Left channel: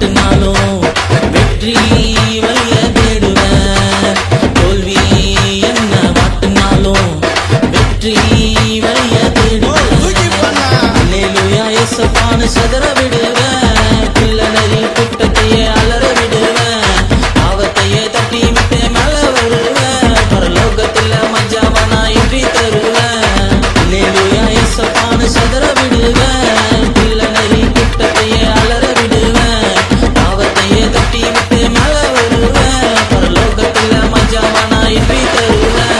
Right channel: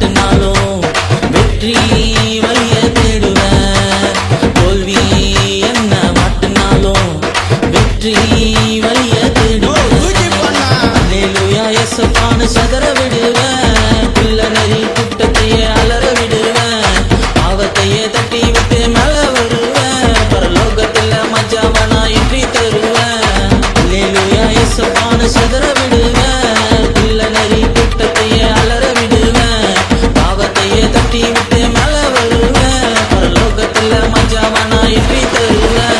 மாட்டினாலும் வெற்றி வழிய தேடுவேன். தோல்வி என்ன மாட்டினாலும் வெற்றி வழிய தேடுவேன். அல்லேலூயா இயேசுப்பான்னு சதற விடுவேன். பிள்ளை நரி கூட்டத்தையே அலற விடுவேன். பாவத்தையே தட்டி விட்டு மேல வருவேன். பரலோகத்துல மஜாவனா இன்றி தருவேன். அல்லேலூயா இயேசுப்பான்னு சதற விடுவேன். பிள்ளை நரி கூட்டத்தையே அலற விடுவேன். பாவத்தையே தட்டி விட்டு மேல வருவேன். பரலோகத்துல மஜாவனா இன்றி தருவேன்.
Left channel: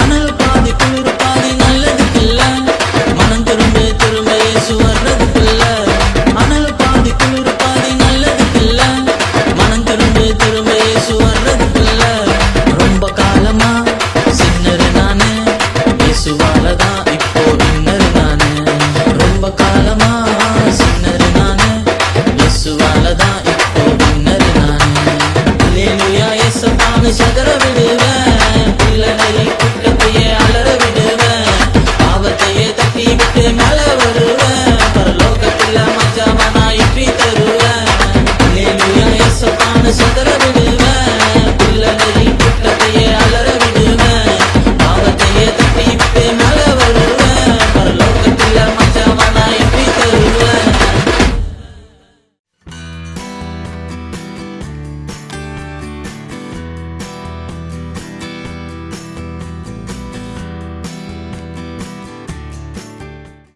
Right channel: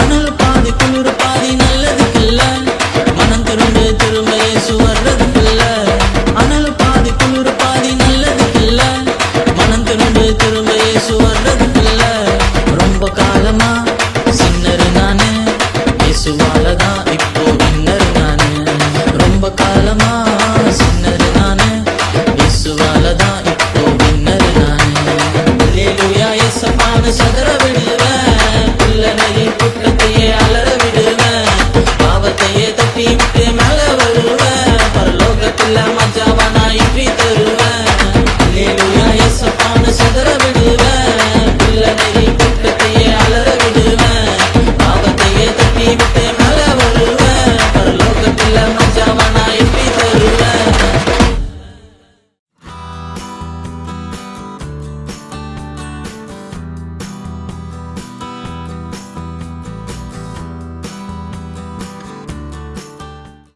அனல் பாதி குளிர் பாதி நல்லதுக்கில்ல. மனம் திரும்ப திரும்ப இயேசு வர்றதுக்கில்ல. அனல் பாதி குளிர் பாதி நல்லதுக்கில்ல. மனம் திரும்ப திரும்ப இயேசு வர்றதுக்கில்ல. ரொம்ப காலமா சின்னரு நானு, இயேசுவாலதான் இப்போ வின்னரு நானு. ரொம்ப காலமா சின்னரு நானு, இயேசுவாலதான் இப்போ வின்னரு நானு. அல்லேலூயா இயேசுப்பான்னு சதற விடுவேன். பிள்ளை நரி கூட்டத்தையே அலற விடுவேன். பாவத்தையே தட்டி விட்டு மேல வருவேன். பரலோகத்துல மஜாவனா இன்றி தருவேன். அல்லேலூயா இயேசுப்பான்னு சதற விடுவேன்.